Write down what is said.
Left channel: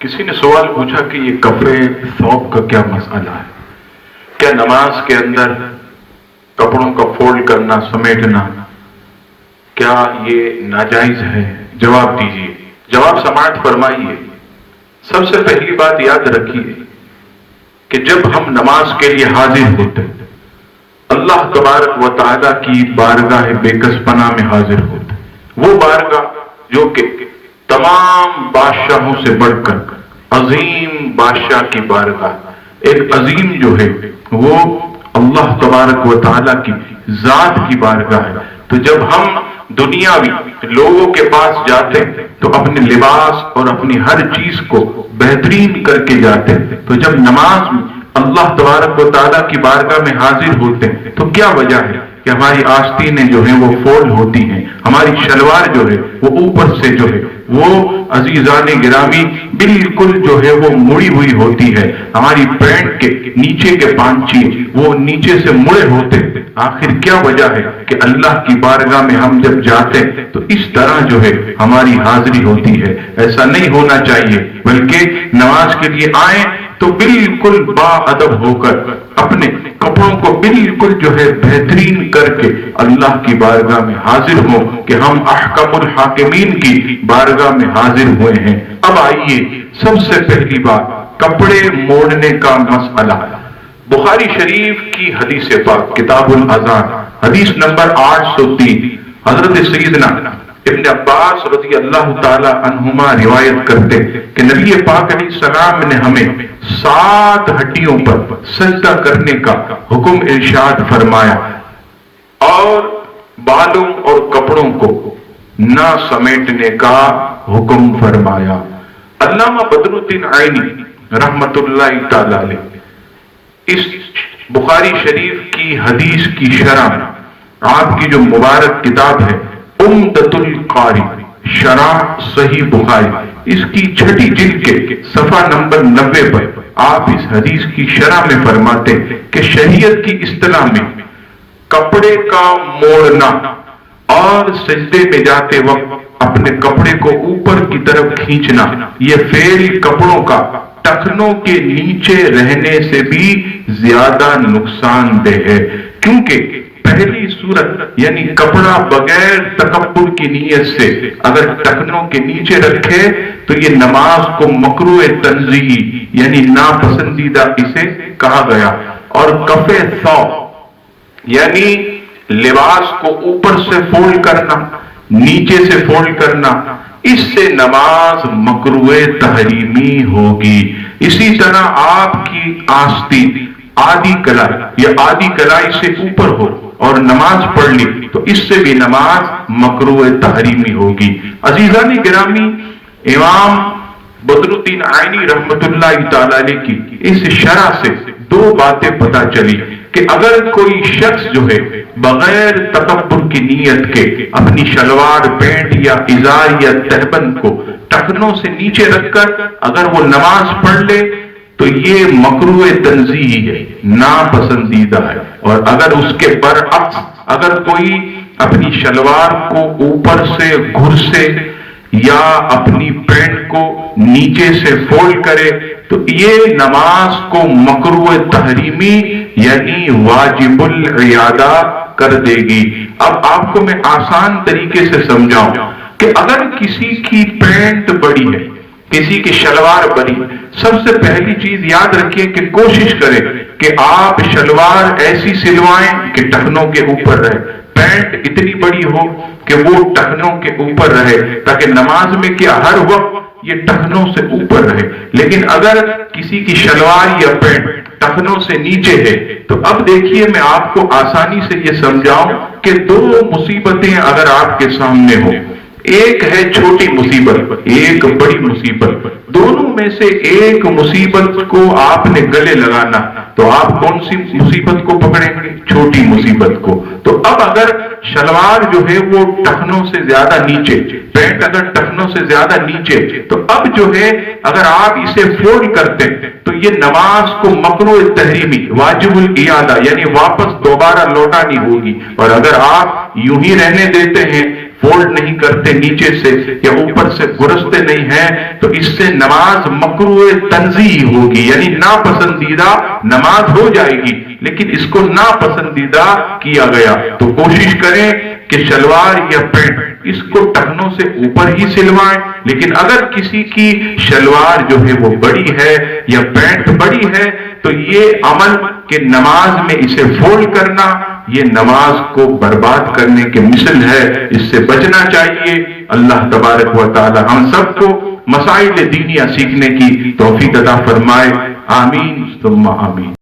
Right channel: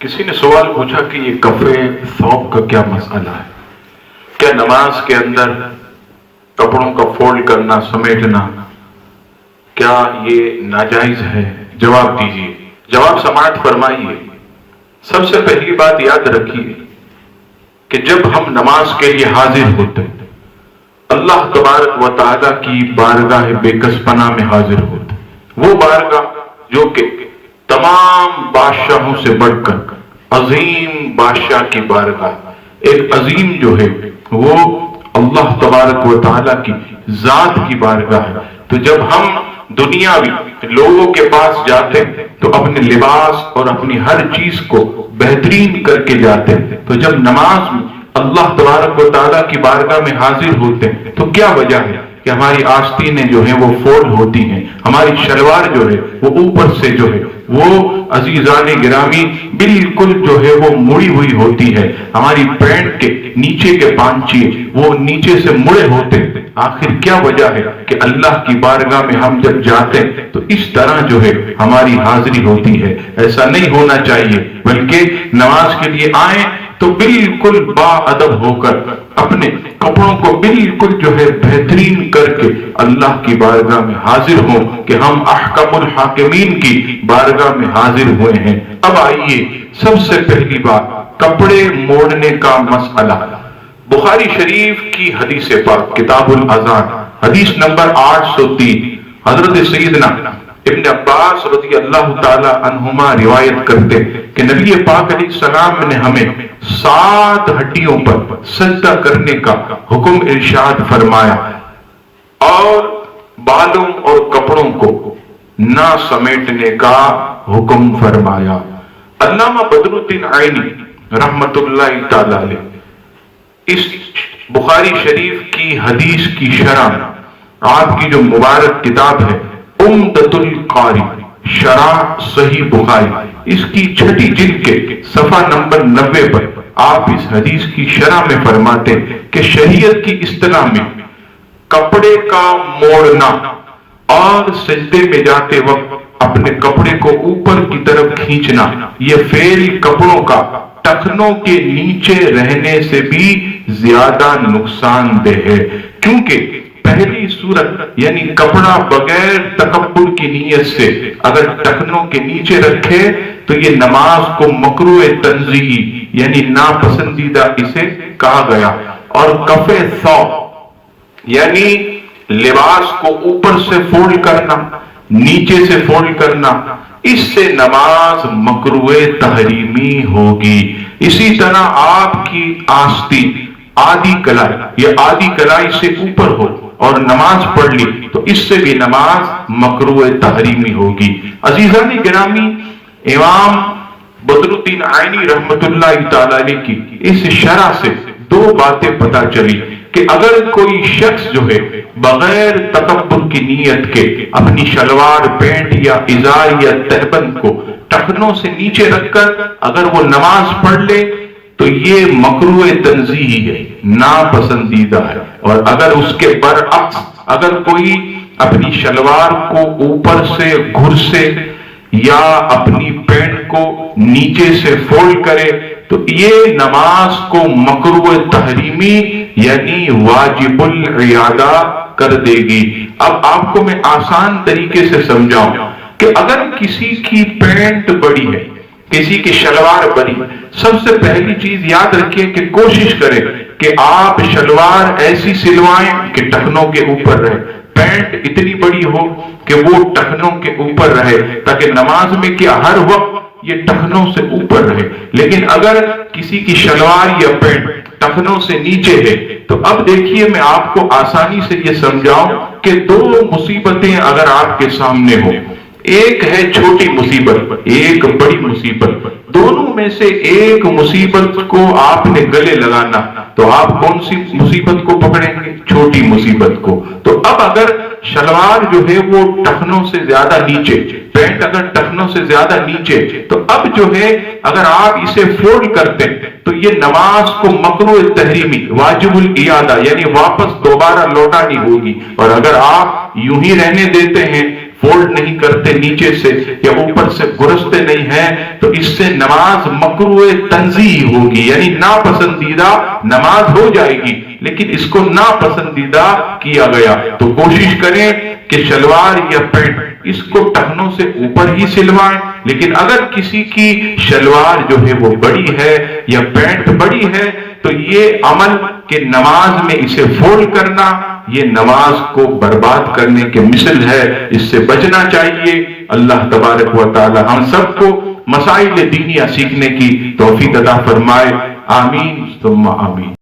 کسی نے سوال پوچھا کہ یہ کپڑے ثوب کا کیا مسئلہ ہے؟ کیا نماز کے اندر کپڑوں کا فولڈ کرنا، سمیٹنا، کیا یہ ناجائز ہے؟ جواب دیجیے، جواب سماعت فرمائیے۔ سب سے پہلی بات یاد رکھیے کہ جب ہم نماز کے لیے حاضر ہوتے ہیں، اللہ تبارک و تعالیٰ کی بارگاہ بے کس پناہ میں حاضر ہوتے ہیں، وہ بارگاہ جو کہ تمام بادشاہوں سے بڑھ کر عظیم بادشاہ کی بارگاہ، ایک عظیم جو ہے وہ اللہ تبارک و تعالیٰ کی ذات کی بارگاہ ہے۔ تو جب ہم دنیاوی لوگوں کے پاس جاتے ہیں تو اپنے لباس اور اپنی ہر چیز کو بہترین کر کے جاتے ہیں، تو جب نماز میں اللہ تبارک و تعالیٰ کی بارگاہ میں حاضر ہوتے ہیں تو کیا وجہ ہے کہ ہماری آستینیں جو ہیں وہ فولڈ ہوتی ہیں، ہماری شلوار جو ہے وہ اوپر سے جو ہے وہ عزیزان گرامی بالکل جو ہے وہ مڑی ہوئی ہوتی ہے، ہماری پینٹ کے نیچے کے پانچے وہ نیچے سے مڑے ہوتے ہیں۔ آخر کیا وجہ ہے کہ اللہ کی بارگاہ میں ہم جب جاتے ہیں تو اس طرح جو ہے ہماری حاضری ہوتی ہے؟ ایسا نہیں ہونا چاہیے، بلکہ نماز کے لیے آئیں تو بالکل با ادب ہو کر اپنے کپڑوں کو بالکل جو ہے بہترین کر کے اللہ کی بارگاہ میں حاضر ہوں کہ ہم احکم الحاکمین کی بارگاہ میں حاضر ہوئے ہیں۔ اب آئیے، سب سے پہلی بات کپڑے موڑنے کا مسئلہ۔ بخاری شریف کی حدیث پاک کتاب الاذان حدیث نمبر 803، حضرت سیدنا ابن عباس رضی اللہ تعالی عنہما روایت کرتے کہ نبی پاک علیہ السلام نے ہمیں 7 ہڈیوں پر سجدہ کرنے کا حکم ارشاد فرمایا اور بالوں اور کپڑوں کو نہ سمیٹنے کا حکم فرمایا۔ علامہ بدر الدین عینی رحمت اللہ تعالی علیہ اس بخاری شریف کی حدیث کی شرح میں آپ کی جو مبارک کتاب ہے عمدۃ القاری شرح صحیح بخاری، اس کی 6ٹھی جلد کے صفحہ نمبر 90 پر آپ اس حدیث کی شرح میں فرماتے کہ شریعت کی اصطلاح میں کپڑے کا موڑنا اور سجدے میں جاتے وقت اپنے کپڑے کو اوپر کی طرف کھینچنا، یہ فعل کپڑوں کا ٹخنوں کے نیچے رہنے سے بھی زیادہ نقصان دہ ہے، کیونکہ پہلی صورت یعنی کپڑا بغیر تکبر کی نیت سے اگر ٹخنوں کے نیچے رکھے تو یہ نماز کو مکروہ تنزیہی یعنی ناپسندیدہ اسے کہا گیا، اور کفے ثوب یعنی لباس کو اوپر سے فولڈ کرنا، نیچے سے فولڈ کرنا، اس سے نماز مکروہ تحریمی ہوگی۔ اسی طرح آپ کی آستین آدھی کلائی یا آدھی کلائی سے اوپر ہو اور نماز پڑھ لی تو اس سے بھی نماز مکروہ تحریمی ہوگی۔ عزیزان گرامی، امام بدر الدین عینی رحمت اللہ تعالی علیہ کی اس شرح سے 2 باتیں پتہ چلی کہ اگر کوئی شخص جو ہے بغیر تکبر کی نیت کے اپنی شلوار، پینٹ یا ازار یا تہبند کو ٹخنوں سے نیچے رکھ کر اگر وہ نماز پڑھ لے تو یہ مکروہ تنزیہی ہے، ناپسندیدہ ہے، اور اگر اس کے برعکس اگر کوئی اپنی شلوار کو اوپر سے گھر سے یا اپنی پینٹ کو نیچے سے فولڈ کرے تو یہ نماز کو مکروہ تحریمی یعنی واجب العیادہ کر دے گی۔ اب آپ کو میں آسان طریقے سے سمجھاؤں کہ اگر کسی کی پینٹ بڑی ہے، کسی کی شلوار بڑی، سب سے پہلی چیز یاد رکھیے کہ کوشش کریں کہ آپ شلوار ایسی سلوائیں کہ ٹخنوں کے اوپر رہے، پینٹ اتنی بڑی ہو کہ وہ ٹخنوں کے اوپر رہے، تاکہ نماز میں کیا ہر وقت یہ ٹخنوں سے اوپر رہے۔ لیکن اگر کسی کی شلوار یا پینٹ ٹخنوں سے نیچے ہے تو اب دیکھیے میں آپ کو آسانی سے یہ سمجھاؤں کہ 2 مصیبتیں اگر آپ کے سامنے ہو، ایک ہے چھوٹی مصیبت، ایک بڑی مصیبت، دونوں میں سے ایک مصیبت کو آپ نے گلے لگانا تو آپ کون سی مصیبت کو پکڑیں گے؟ چھوٹی مصیبت کو۔ تو اب اگر شلوار جو ہے وہ ٹخنوں سے زیادہ نیچے، پینٹ اگر ٹخنوں سے زیادہ نیچے، تو اب جو ہے اگر آپ اسے فولڈ کرتے تو یہ نماز کو مکروہ تحریمی واجب الاعادہ یعنی واپس دوبارہ لوٹانی ہوگی، اور اگر آپ یوں ہی رہنے دیتے ہیں فولڈ نہیں کرتے نیچے سے یا اوپر سے گرستے نہیں ہیں تو اس سے نماز مکروہ تنزیہ ہوگی، یعنی ناپسندیدہ نماز ہو جائے گی، لیکن اس کو ناپسندیدہ کیا گیا۔ تو کوشش کریں کہ شلوار یا پینٹ اس کو ٹخنوں سے اوپر ہی سلوائیں، لیکن اگر کسی کی شلوار جو ہے وہ بڑی ہے یا پینٹ بڑی ہے تو یہ عمل کہ نماز میں اسے فولڈ کرنا یہ نماز کو برباد کرنے کے مثل ہے، اس سے بچنا چاہیے۔ اللہ تبارک و تعالی ہم سب کو مسائل دینیہ سیکھنے کی توفیق عطا فرمائے، آمین ثم آمین۔